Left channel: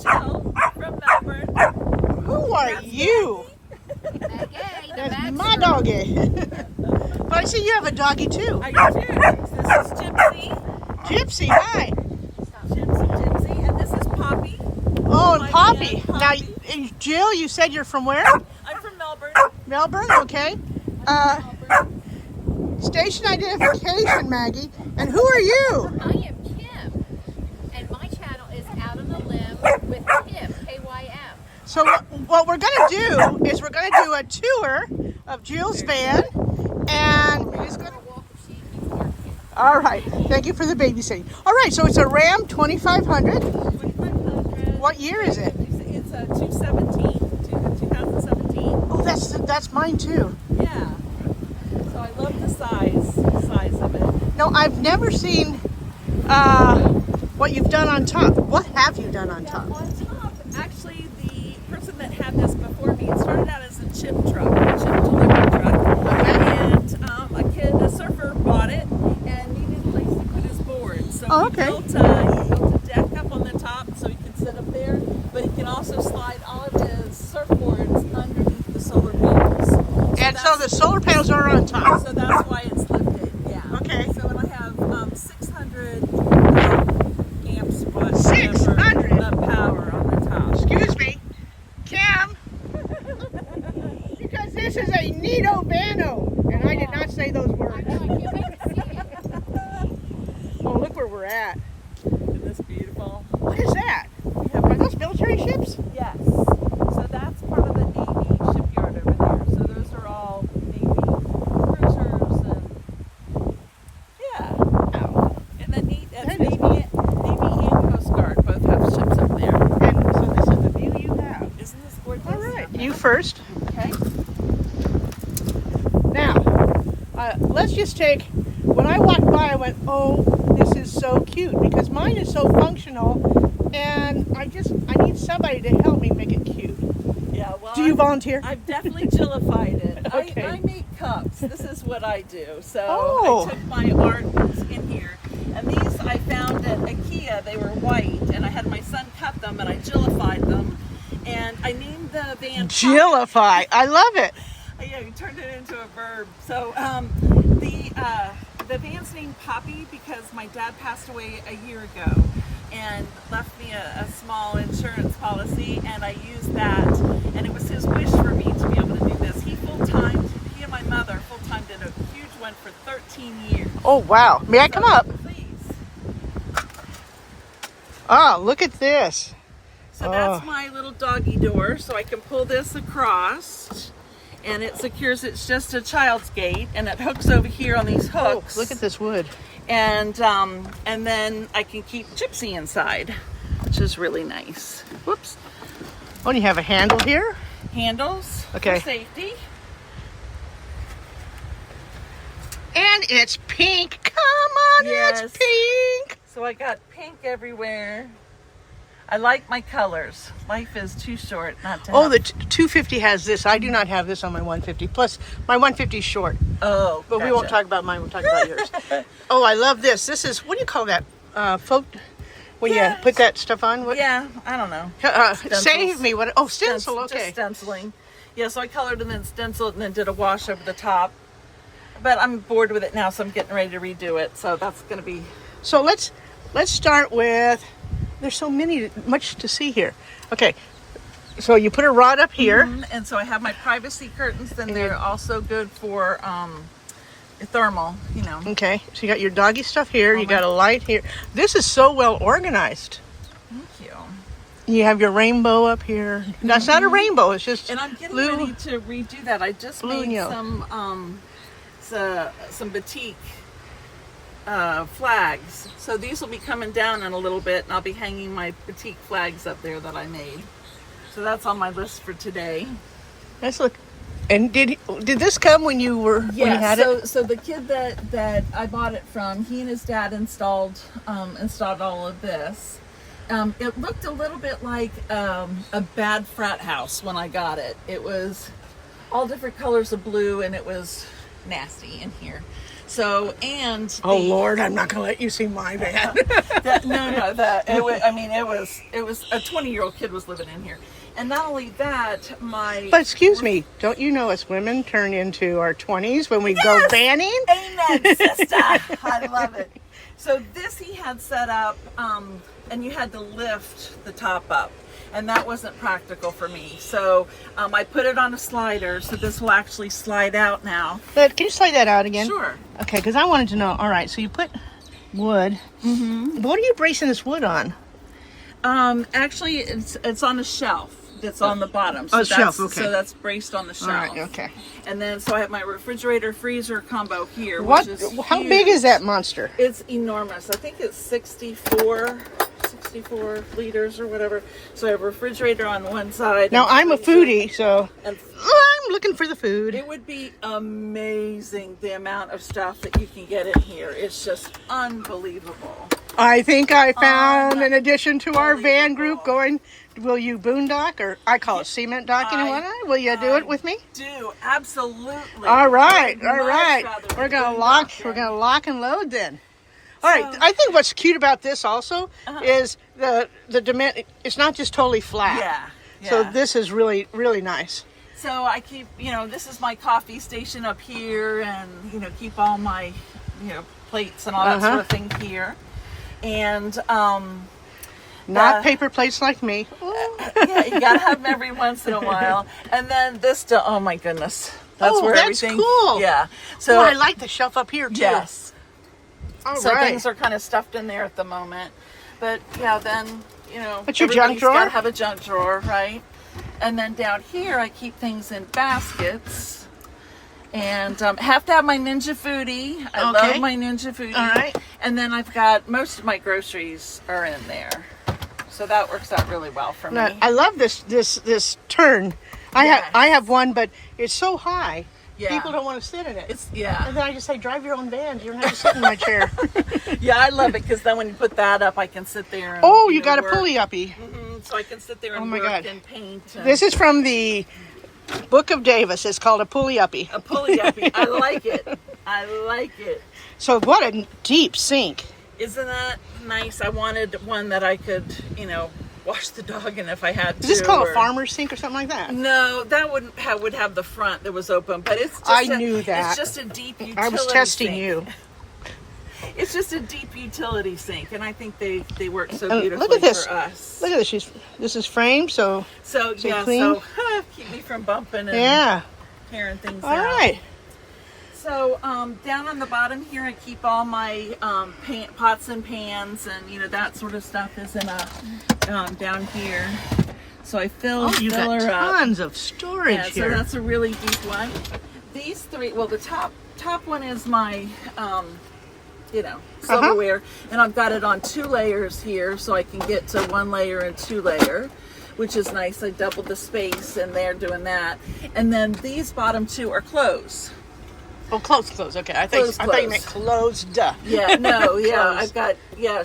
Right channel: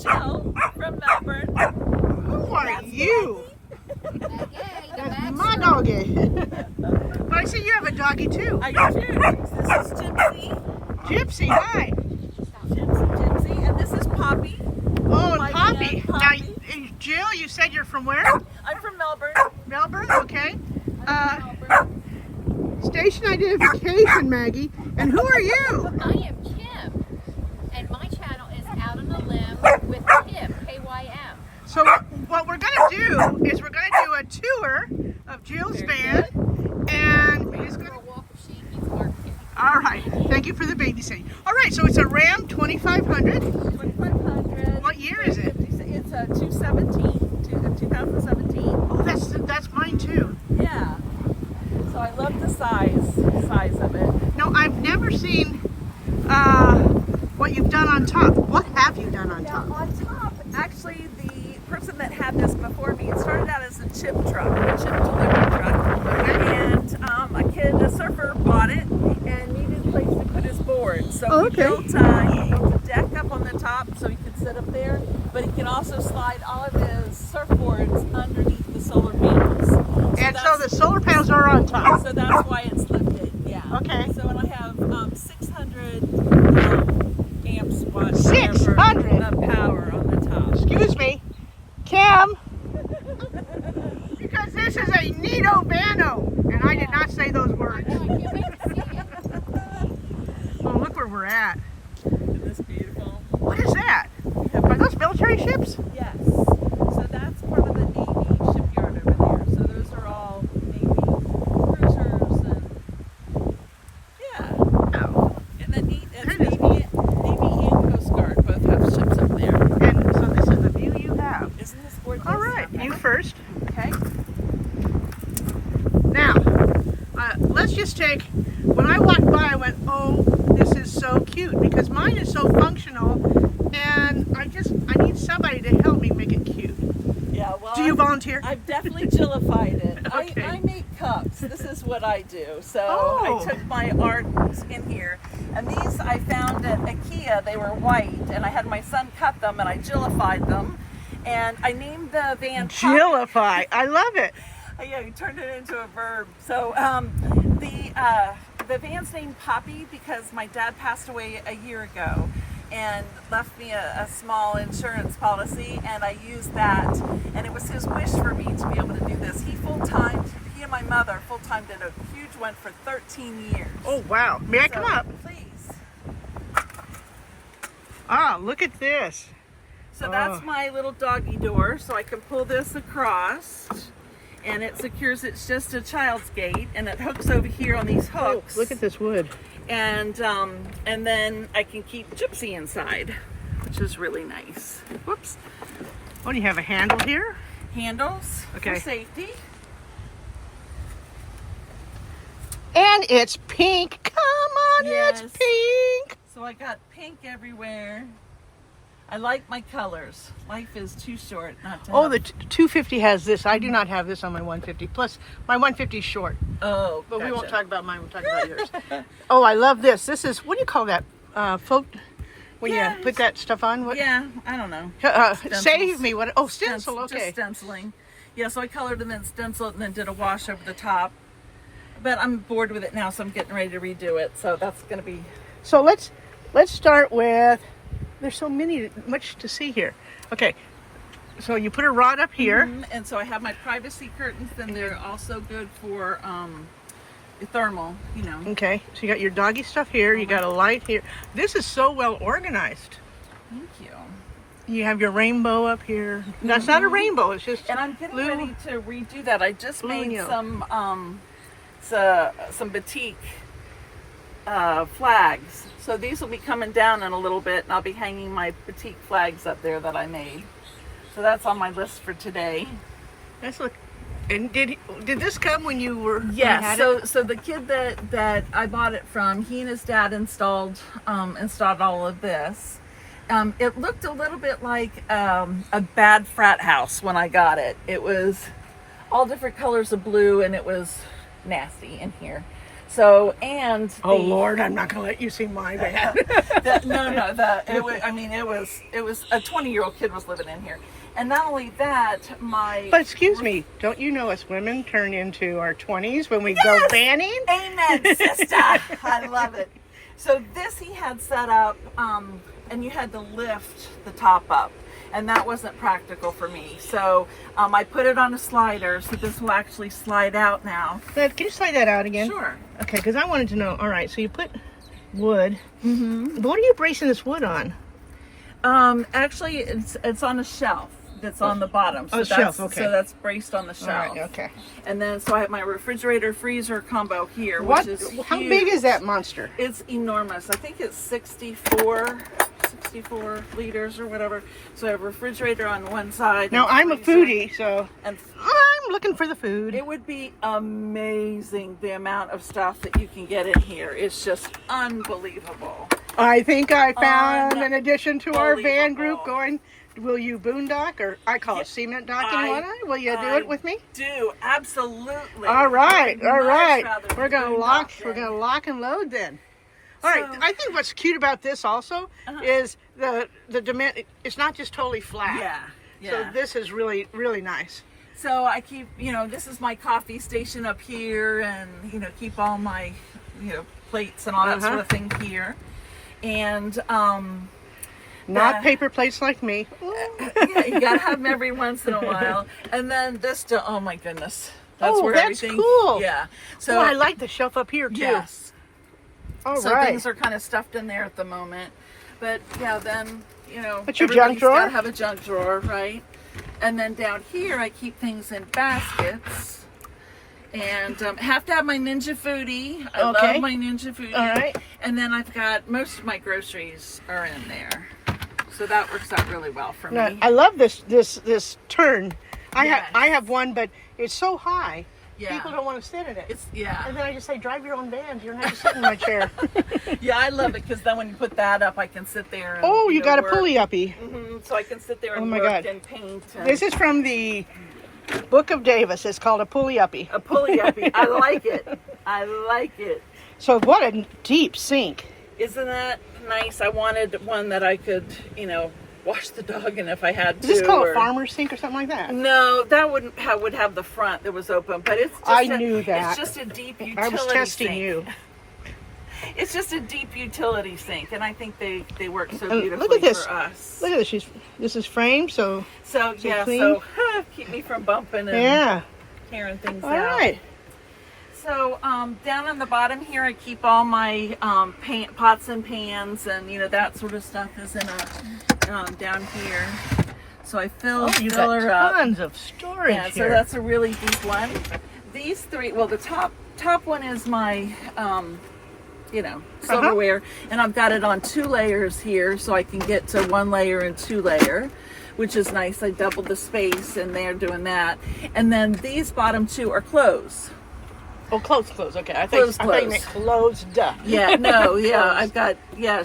Jill from Melbourne. Who are you? That's my doggy. But I see you have a doggy too. I do. This is Gypsy. Gypsy, hi. Gypsy. And this is Poppy. Oh, My Poppy. man, Now, Poppy. Jill, you said you're from where? I'm from Melbourne. Melbourne, okay. Station identification, Maggie. And who are you? I am Kim, and my channel is Out on the Limb with Kim, K-Y-M. So what we're going to do is we're going to do a tour of Jill's van. And we're just going to Walk of sheep, he's barking. all right. Thank you for the babysitting. All right, so it's a Ram 2500. 2500. What year is it? It's a 2017. Oh, that's mine too. Yeah. So I love the size of it. No, I've never seen what you've done on top. What have you done on top? On top, actually, the person that had this before me, it started out as a chip delivery truck. And a surfer bought it and needed a place to put his board. So Oh, he okay. built a deck up on the top so he could sit up there, but he can also slide all of his surfboards underneath the solar panels. And so the solar panels are on top. So that's why it's lifted, yeah. Okay. So and I have 600 amps of 600? of power on the top. Excuse me, Kim, because this is a neato vano, and I did not say those words. No, I can't wait to see it. Oh, look where we're at. Isn't this beautiful? What is that? Are those military ships? Yes. So that's part of the Navy shipyard over there. So those are all Navy cruisers and yeah. Oh. And the Navy That and is- Coast Guard both have ships up there. And so this is the view you have. Isn't this gorgeous? All right, you first. Okay. Now, let's just take, when I walked by, I went, oh, this is so cute, because mine is so functional, and I need somebody to help me make it cute. Yeah. Well. Do you volunteer? I've definitely Jillified it. Okay. I make cups. This is what I do. So Oh. I took my art in here. And these I found at IKEA. They were white. And I had my son cut them and I Jillified them. And I named the van Poppy. Jillify. I love it. Yeah, you turned it into a verb. So the van's named Poppy because my dad passed away a year ago and left me a small insurance policy, and I used that, and it was his wish for me to be able to do this. He and my mother full-time did a huge one for 13 years. Oh, wow. May I come up? Please. Oh, look at this. So that's my little doggy door, so I can pull this across, and it secures, it's just a child's gate, and it hooks over here on these Oh, hooks. look at this wood. And then I can keep Gypsy inside, which is really nice. Whoops. Oh, and you have a handle here? Handles Okay. for safety. And it's pink. Come on, Yes. it's pink. So I got pink everywhere. I like my colors. Life is too short not to Oh, have. the 250 has this. I do not have this on my 150. Plus, my 150 is short. Oh, But we won't gotcha. talk about mine. We'll talk about yours. Oh, I love this. This is, what do you call that? Folk, when Yeah, you put that stuff on? What? Yeah, I don't know. Save me. What? Oh, stencil. Just Okay. stenciling. Yeah, so I colored and then stenciled and then did a wash over the top. But I'm bored with it now, so I'm getting ready to redo it. So that's going to be... So let's start with. There's so much to see here. Okay. So you put a rod up here. And so I have my privacy curtains, then they're also good for thermal, you know. Okay. So you got your doggy stuff here. You got a light here. This is so well organized. Thank you. You have your rainbow up here. No, it's not a rainbow. It's just And I'm getting blue. ready to redo that. I just Blue and made yellow. some batik flags. So these will be coming down in a little bit, and I'll be hanging my batik flags up there that I made. So that's on my list for today. Let's look. And did this come when you were when you had it? So the kid that I bought it from, he and his dad installed all of this. It looked a little bit like a bad frat house when I got it. It was all different colors of blue, and it was nasty in here. So, and Oh Lord, I'm not gonna let you see my van. it was a 20-year-old kid was living in here. And not only that, But excuse me, don't you know us women turn into our 20s when we go vanning? Amen, sister. I love it. So this he had set up, and you had to lift the top up, and that wasn't practical for me. So I put it on a slider, so this will actually slide out now. But can you slide that out again? Sure. Okay, because I wanted to know. All right, so you put wood. Mm-hmm. But what are you bracing this wood on? Actually, it's on a shelf that's on the bottom. So shelf, okay. So that's braced on the shelf. All right, okay. And then, so I have my refrigerator freezer combo here, What? which is How huge. big is that monster? It's enormous. I think it's 64 liters or whatever. So I have a refrigerator on one side. Now, I'm a foodie, so And I'm looking for the food. it would be amazing the amount of stuff that you can get in here. It's just unbelievable. I think I found an addition to our van Unbelievable. group going, will you boondock, or I call it cement docking and whatnot? Will you do it with me? Do, absolutely. All right, I'd all much right. rather We're gonna boondock lock. than- We're gonna lock and load then. All right. So- I think what's cute about this also is the dimension. It's not just totally flat. Yeah. So yeah. this is really nice. So I keep, this is my coffee station up here, and keep all my, plates and all that sort of thing here. And Not Yeah. paper plates like me. yeah, you gotta have them every once in a while. And then this, oh my goodness, that's where that's everything. cool. Yeah. So Oh, I like the shelf up here too. yes. All So right. things are kind of stuffed in there at the moment, but yeah, then But your junk everybody's drawer? gotta have a junk drawer, right? And then down here, I keep things in baskets. And have to have my Ninja Foodie. I Okay. love my Ninja Foodie. All right. And then I've got most of my groceries are in there, so that works out really well for Now, me. I love this turn. Yes. I have one, but it's so high. Yeah. People don't want to sit in it. It's yeah, And then I just say, drive your own van. You don't have to sit in my chair. yeah. I love it because then when you put that up, I can sit there. And, Oh, you got a work. pulley uppy. Mhm, so I can sit there and Oh my work God. and paint. And This is from the Book of Davis. It's called a pulley uppy. a pulley uppy. I like it. I like it. So what a deep sink. Isn't that nice? I wanted one that I could, wash the dog in if I had to. Is this called or- a farmer's sink or something like that? No, that would have the front that was open, but it's. Just I knew that. It's just a deep utility. I was testing sink. you. It's just a deep utility sink, and I think they work so And beautifully look at this. for us. Look at this. This is framed, so So yeah, clean. so keep me from bumping and yeah. tearing things All out. right. So down on the bottom here, I keep all my pots and pans, and that sort of stuff is in a down here. So I fill Oh, you got her up. tons of storage Yeah, so here. that's a really deep one. These three, well, the top one is my, silverware, and I've got it on 2 layers here, so I can get to 1 layer and 2 layer, which is nice. I doubled the space, and they're doing that. And then these bottom 2 are clothes. Oh, clothes. Okay, I thought you meant closed. Yeah, no, yeah, Clothes. I've got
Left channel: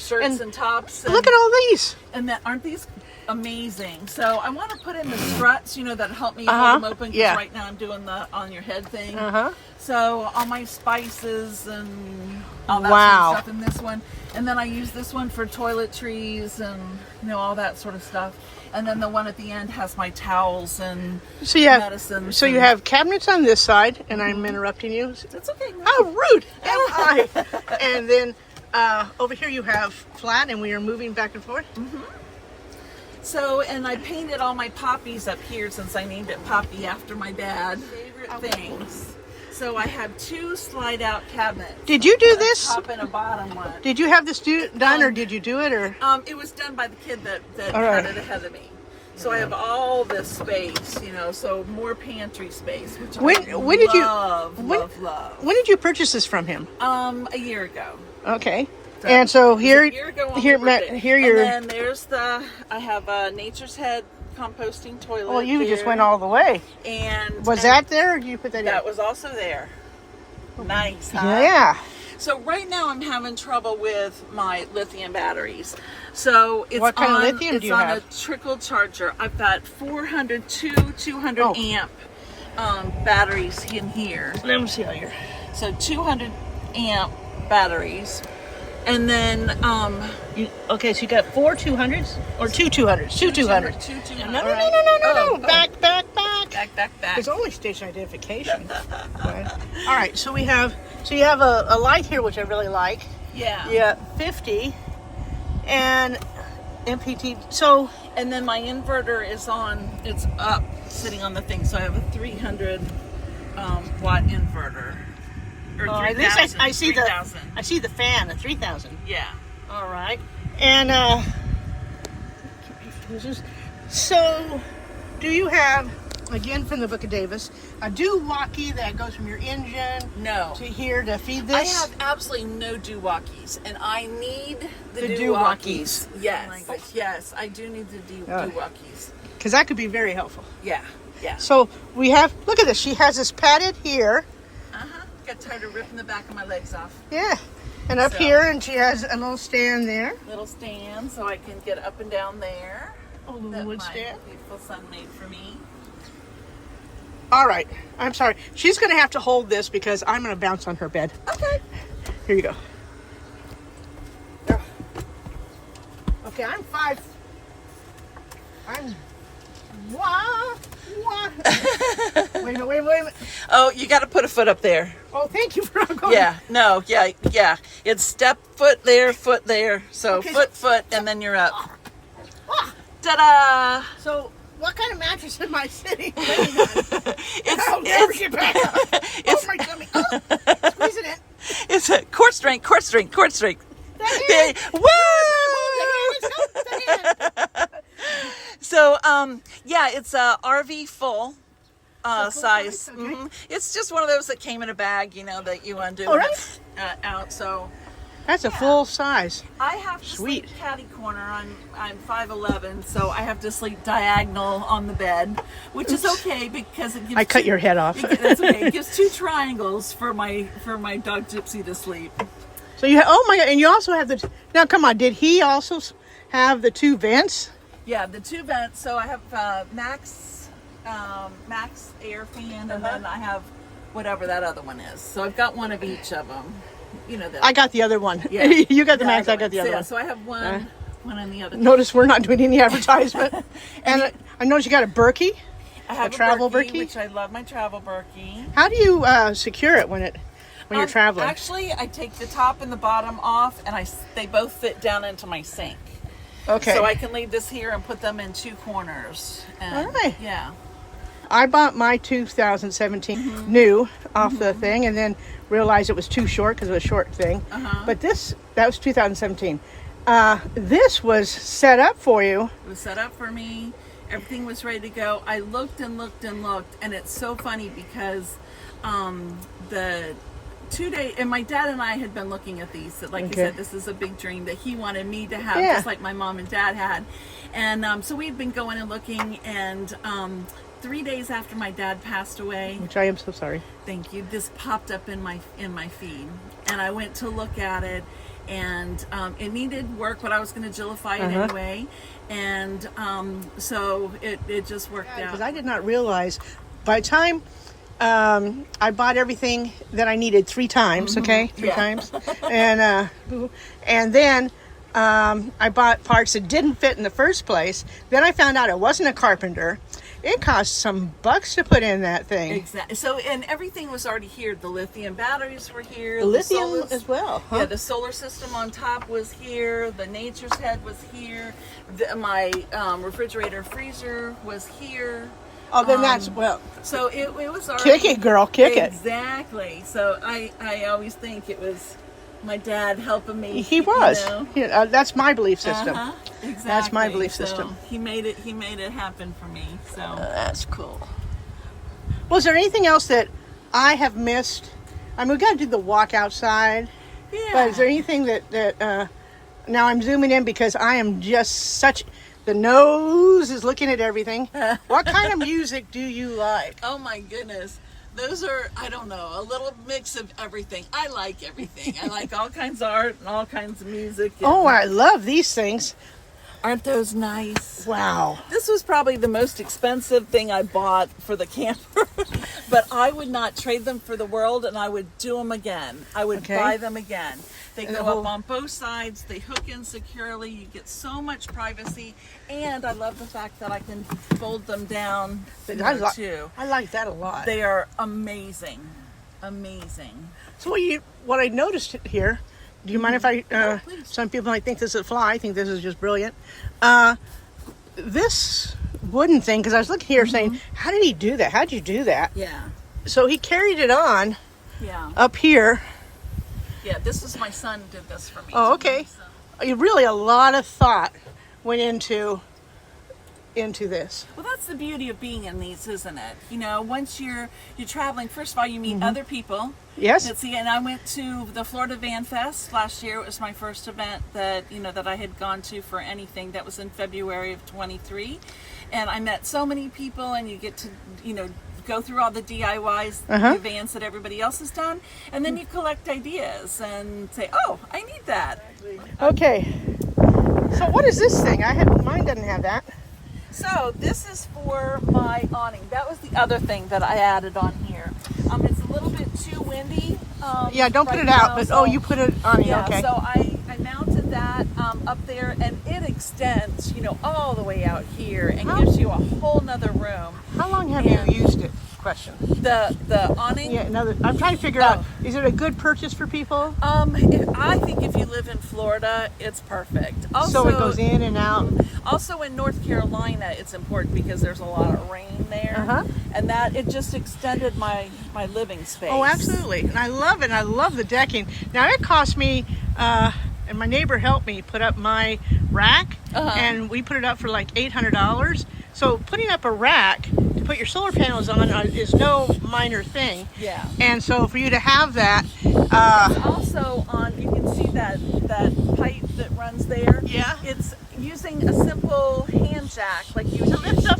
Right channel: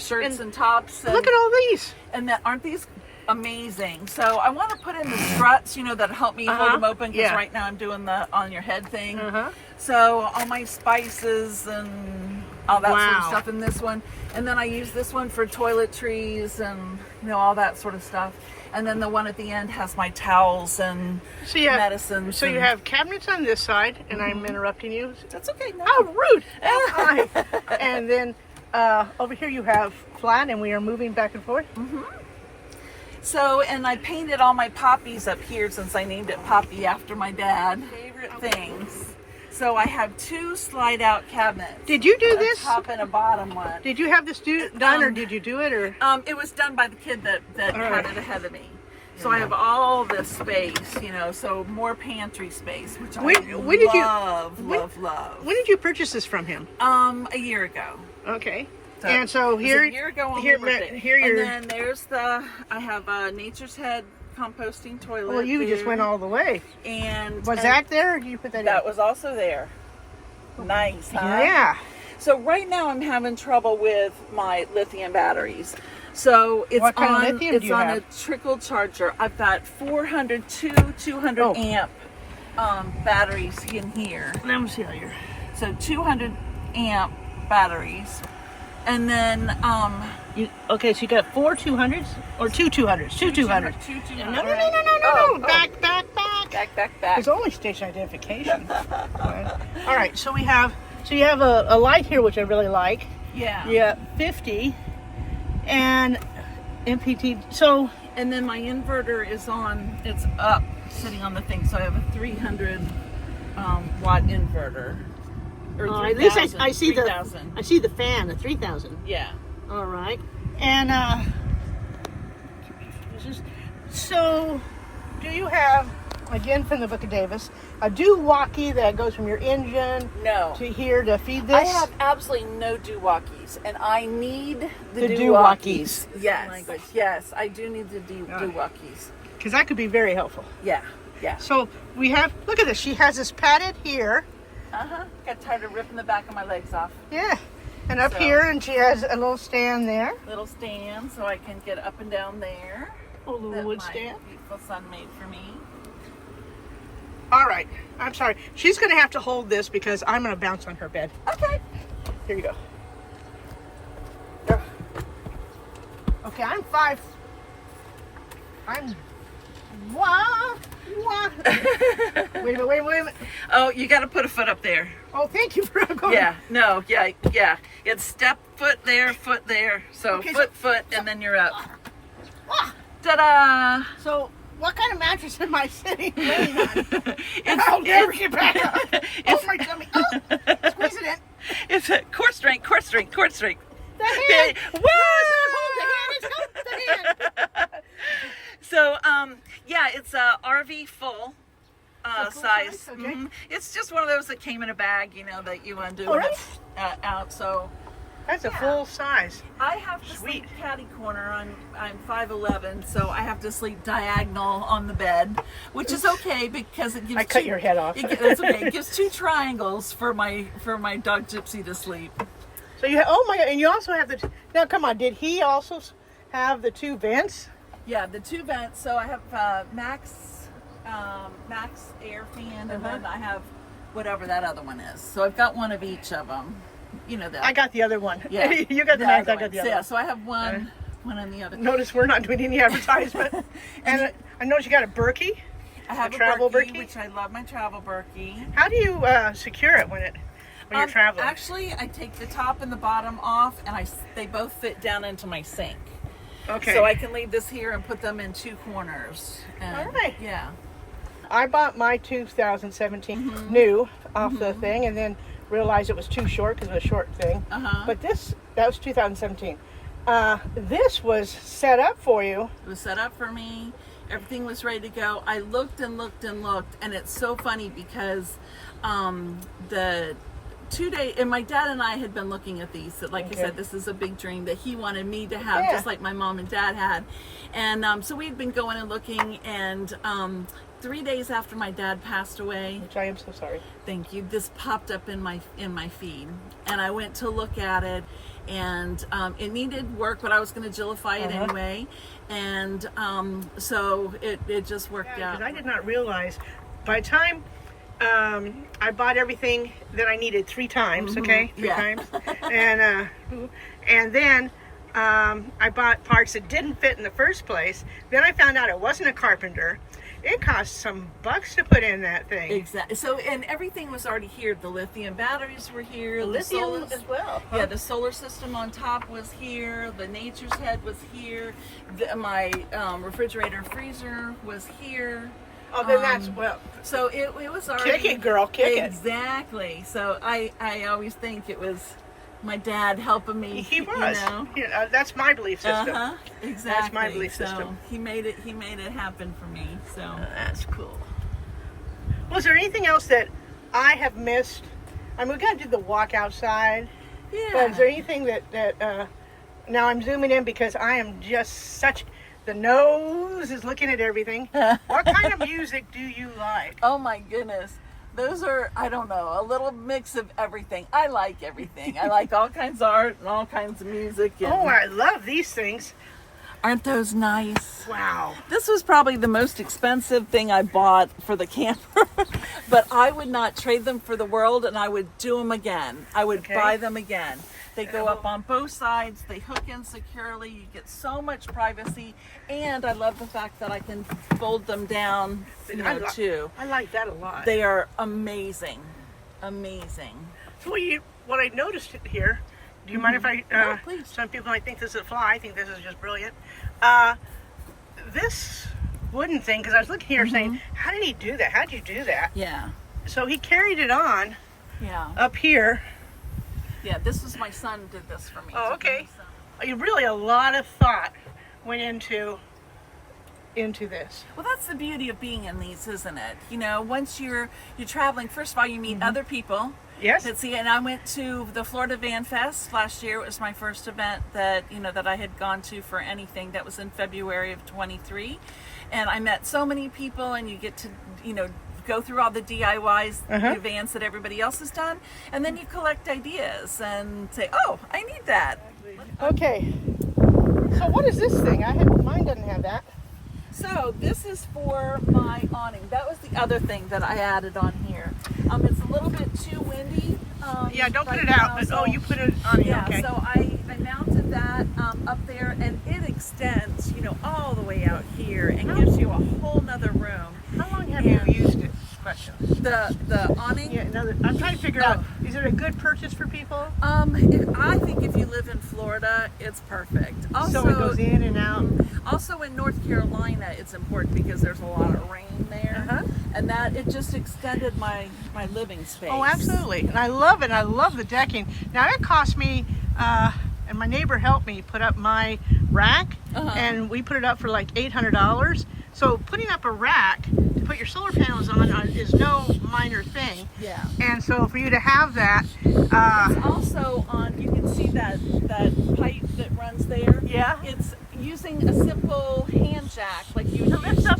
shirts and tops. And, Look at all these. and aren't these amazing? So I want to put in the struts, that help me hold them open. 'Cause yeah. right now I'm doing the on your head thing. Uh-huh. So all my spices and all that Wow. sort of stuff in this one, and then I use this one for toiletries and all that sort of stuff. And then the one at the end has my towels and So you have medicines. So you and- have cabinets on this side, and I'm interrupting you. That's okay. No. How rude am I? And then over here you have flat, and we are moving back and forth. So, and I painted all my poppies up here since I named it Poppy after my dad. Favorite things. So I have 2 slide out cabinets. Did you do A this? top and a bottom one. Did you have this done, or did you do it, or? It was done by the kid that All right. had it ahead of me. So I have all this space, so more pantry space, which I When did you- love. When did you purchase this from him? A year ago. Okay. So And so it was here, a year ago on here, my birthday. here you're. And then there's I have a Nature's Head composting toilet. Well, you just there. went all the way. And Was that there, or did you put that that in? was also there. Nice, huh? Yeah. So right now I'm having trouble with my lithium batteries. So it's What kind of on, lithium it's do you on have? a trickle charger. I've got 200 Oh. amp batteries in here. Let me see how you're. So 200 amp batteries. And then Okay, so you got 4 200s or 2 200s? 2 200s. Two 200. No. Oh, Back. back. There's only station identification. But, all right, so you have a light here, which I really like. Yeah. Yeah, 50 and MPT. So, and then my inverter is on. It's up, sitting on the thing. So I have a 300 watt inverter. Or at least I see 3,000. I see the fan, the 3000. Yeah. All right, and so do you have, again from the Book of Davis, a doo-walkie that goes from your engine No. to here to feed this? I have absolutely no doo-walkies, and I need the doo-walkies. Yes, Oh my gosh. yes, I do need the doo-walkies. Because that could be very helpful. Yeah. So we have, look at this, she has this padded here. Got tired of ripping the back of my legs off. Yeah, and up here, and she has a little stand there. Little stand, so I can get up and down there. A little That wood my stand. beautiful son made for me. All right, I'm sorry. She's going to have to hold this because I'm going to bounce on her bed. Okay. Here you go. There. Okay, I'm 5. I'm. Wah. Wait a minute. Oh, you got to put a foot up there. Oh, thank you for going. Yeah. It's step, foot there. So Okay, foot, and then you're up. Ah. Ta-da! So, what kind of mattress am I laying on? I'll never get back up. Oh, my tummy. Oh, squeeze it in. It's a core strength. The hand. Whoa! The hand. So, yeah, it's a RV full size. size, okay. It's just one of those that came in a bag, that you undo Oh, when really? it's out. So That's a full size. I have to Sweet. sleep catty corner. I'm 5'11", so I have to sleep diagonal on the bed, which is okay because it gives. I cut your head off. That's okay. It gives 2 triangles for my dog Gypsy to sleep. So you have, oh my God, and you also have the, now come on, did he also have the 2 vents? Yeah, the 2 vents. So I have Max air fan, and then I have whatever that other one is. So I've got one of each of them. You know that. I got the other one. Yeah. You got the Max, I other got the one. other one. So I have one on the other. Notice we're not doing any advertisement. And I noticed you got a Berkey. I have a travel Berkey, Berkey? which I love my travel Berkey. How do you secure it when you're traveling? Actually, I take the top and the bottom off, and they both fit down into my sink. Okay. So I can leave this here and put them in 2 corners. And, All right. Yeah. I bought my 2017 new off the thing, and then realized it was too short because it was a short thing. But that was 2017. This was set up for you. It was set up for me. Everything was ready to go. I looked, and it's so funny because the 2 day, and my dad and I had been looking at these. Like I said, this is a big dream that he wanted me to have, just like my mom and dad had. And so we'd been going and looking, and 3 days after my dad passed away, Which I am so sorry. thank you, this popped up in my feed, and I went to look at it, and it needed work, but I was going to Jillify it anyway, and so it just worked out. Because I did not realize by the time I bought everything that I needed 3 times, three times, and then I bought parts that didn't fit in the first place. Then I found out it wasn't a carpenter. It cost some bucks to put in that thing. Exactly. So, and everything was already here. The lithium batteries were here. The lithium solar, as well. Yeah, the solar system on top was here. The Nature's Head was here. My refrigerator freezer was here. Oh, then that's, well. So it was already. Kick it, girl, kick it. Exactly. So I always think it was my dad helping me. He was. You know? Yeah, that's my belief system. Exactly. That's my belief So system. he made it happen for me. So That's cool. Was there anything else that I have missed? I mean, we got to do the walk outside. yeah. But is there anything that now I'm zooming in because I am just such, the nose is looking at everything. What kind of music do you like? Oh my goodness. Those are, I don't know, a little mix of everything. I like everything. I like all kinds of art and all kinds of music. And, Oh, I love these things. Aren't those nice? Wow. This was probably the most expensive thing I bought for the camper, but I would not trade them for the world, and I would do them again. I would buy them again. They go up on both sides. They hook in securely. You get so much privacy, and I love the fact that I can fold them down too. I like that a lot. They are amazing, amazing. So what I noticed here, do you mind if I, please. some people might think this is a fly, I think this is just brilliant. This wooden thing, because I was looking here saying, how did he do that? How'd you do that? Yeah. So he carried it on up here. Yeah, this is my son did this for me. Oh, okay. Really a lot of thought went into this. Well, that's the beauty of being in these, isn't it? You know, once you're traveling, first of all, you meet other people. Yes. Let's see, and I went to the Florida Van Fest last year. It was my first event that I had gone to for anything. That was in February of 23, and I met so many people, and you get to go through all the DIYs, the vans that everybody else has done, and then you collect ideas and say, oh, I need that. Okay. So what is this thing? Mine doesn't have that. So this is for my awning. That was the other thing that I added on here. It's a little bit too windy. Yeah, don't put right it out, now, but so, you put it on. Yeah, okay. so I mounted that up there, and it extends, all the way out here, and gives you a whole nother room. How long have you used it? Question. The awning. Yeah, I'm trying to figure out. Is it a good purchase for people? I think if you live in Florida, it's perfect. Also, so it goes in and out. Also in North Carolina, it's important because there's a lot of rain there, and that it just extended my living space. Oh, absolutely, and I love it. I love the decking. Now it cost me, and my neighbor helped me put up my rack, and we put it up for like $800. So putting up a rack to put your solar panels on is no minor thing. Yeah. And so for you to have that, also you can see that pipe that runs there. Yeah. It's using a simple hand jack, like you to lift up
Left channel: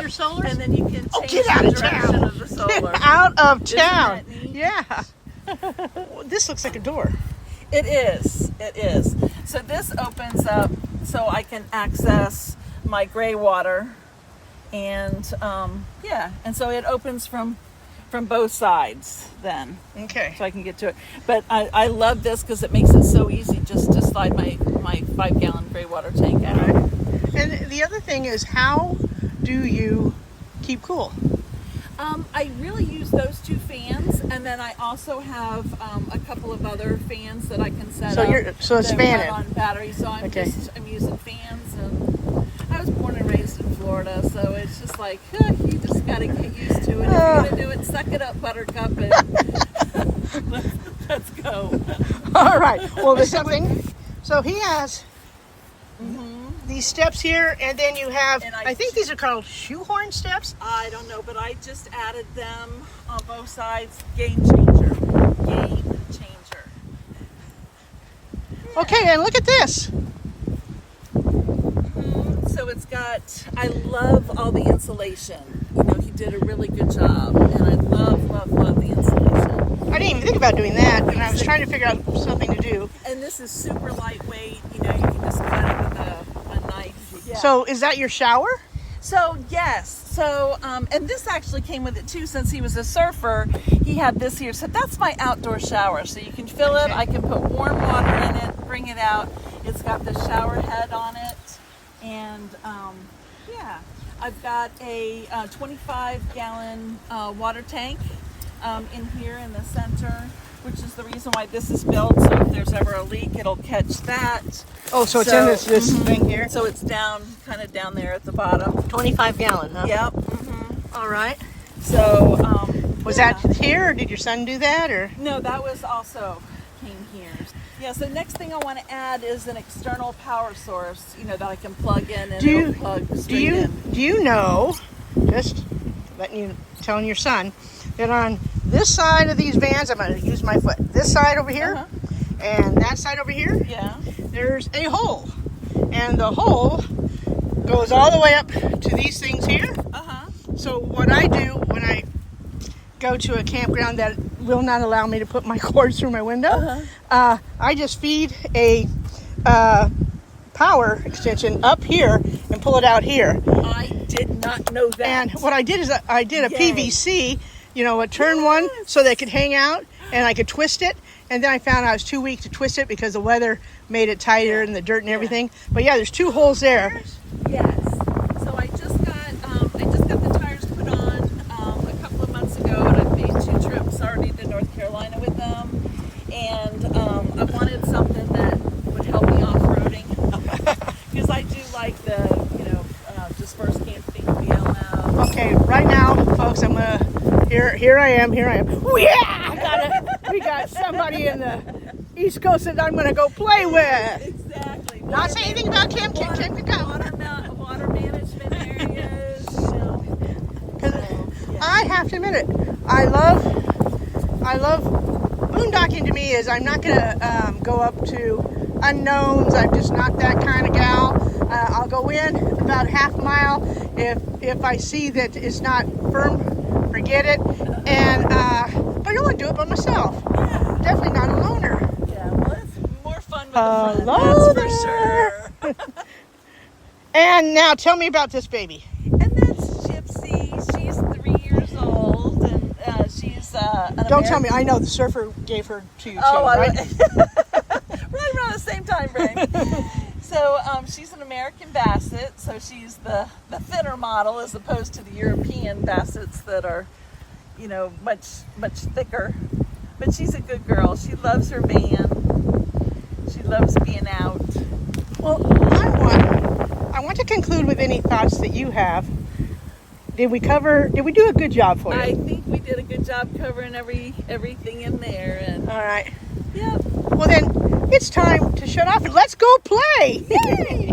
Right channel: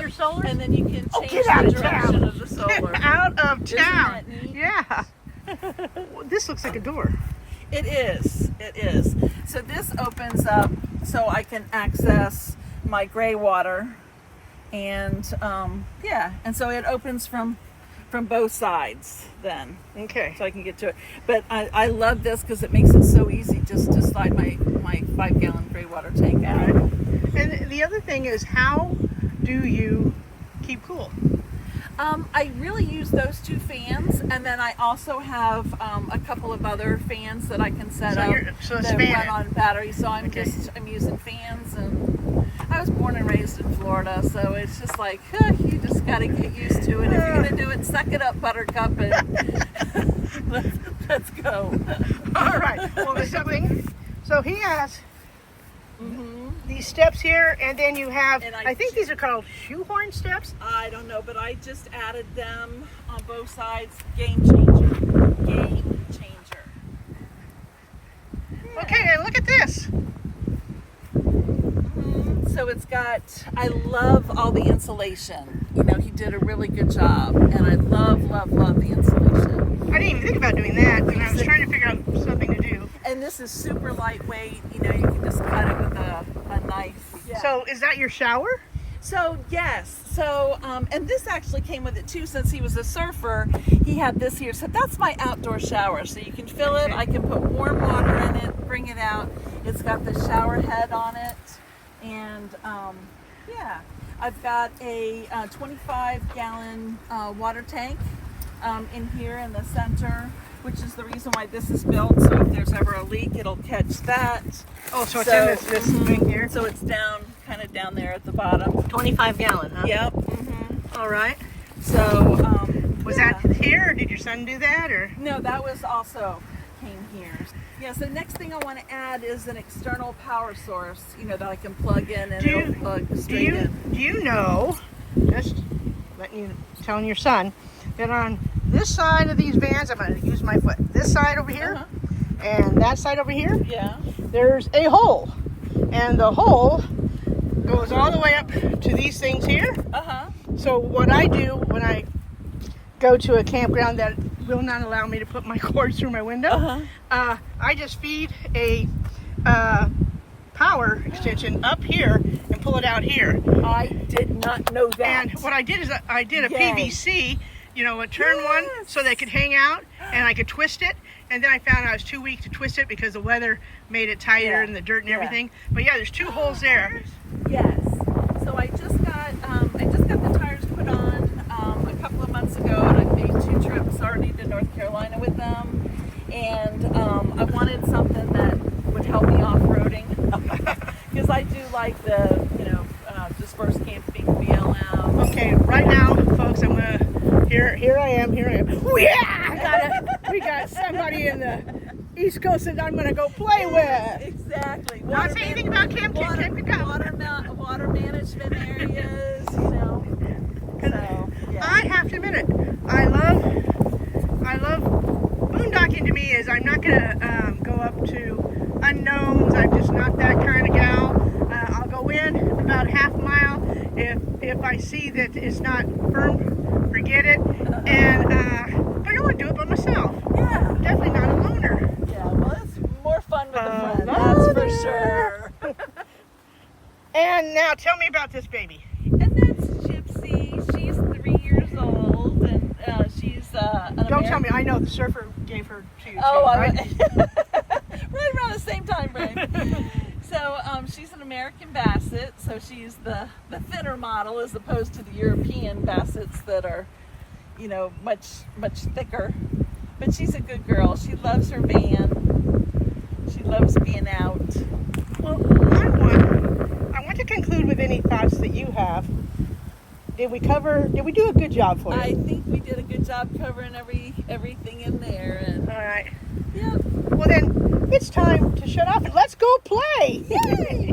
your solars. and then you can change Get out of the direction town! of the solar. Get out of town! Isn't that neat? Yeah. Well, this looks like a door. It is. It is. So this opens up so I can access my gray water, and and so it opens from both sides then. Okay. So I can get to it. But I love this because it makes it so easy just to slide my 5-gallon gray water tank out. All right. And the other thing is, how do you keep cool? I really use those two fans, and then I also have a couple of other fans that I can set up it's that fan run on battery. So I'm using fans, and I was born and raised in Florida, so it's just like you just got to get used to it. If you're gonna do it, suck it up, Buttercup, and let's go. All right. Well, there's something. So he has these steps here, and then you have, I think these are called shoehorn steps. I don't know, but I just added them on both sides. Game changer. Game changer. Okay, and look at this. So it's got, I love all the insulation. He did a really good job, and I love the insulation. I didn't even think about doing that, and I was trying to figure out something to do. And this is super lightweight. You can just cut it with a knife. Yeah. So is that your shower? So yes. So and this actually came with it too, since he was a surfer. He had this here. So that's my outdoor shower. So you can fill it. I can put warm water in it, bring it out. It's got the shower head on it, and I've got a 25-gallon water tank in here in the center, which is the reason why this is built. So if there's ever a leak, it'll catch that. Oh, so it's in this thing here? So it's kind of down there at the bottom. 25 gallon, huh? Yep. All right. So was that here, or did your son do that, or? No, that was also came here. Yeah, so next thing I want to add is an external power source, that I can plug in and it'll plug straight in. Do you know, just telling your son, that on this side of these vans, I'm going to use my foot, this side over here, and that side over here, there's a hole. And the hole goes all the way up to these things here. So what I do when I go to a campground that will not allow me to put my cord through my window, I just feed a power extension up here and pull it out here. I did not know that. And what I did is I did a Yay. PVC, you know, a turn one so they could hang out and I could twist it. And then I found I was too weak to twist it because the weather made it tighter and the dirt and everything. But yeah, there's 2 holes there. Yes. So I just got the tires put on a couple of months ago, and I've made 2 trips already to North Carolina with them. And I wanted something that would help me off-roading because I do like the dispersed camping feel now. Okay, right now, folks, I'm gonna. Here I am. Ooh, yeah, we got somebody in the East Coast that I'm gonna go play with. Exactly. Not say anything about Kim. Kim to come. Water management areas, you know. So, yeah. I have to admit it. I love boondocking. To me is I'm not gonna go up to unknowns. I'm just not that kind of gal. I'll go in about half a mile. If I see that it's not firm, forget it. And but I don't want to do it by myself. Yeah. Definitely not a loner. Yeah. Well, it's more fun with a friend. Hello That's for there. sure. And now tell me about this baby. And that's Gypsy. She's 3 years old, and she's Don't tell me. I know the surfer gave her to you too, right? Right around the same time frame. So she's an American Basset, so she's the thinner model as opposed to the European Bassets that are, you know, much thicker. But she's a good girl. She loves her van. She loves being out. Well, I want to conclude with any thoughts that you have. Did we do a good job for you? I think we did a good job covering everything in there. And All right. yeah. Well then, it's time to shut off and let's go play. Yay!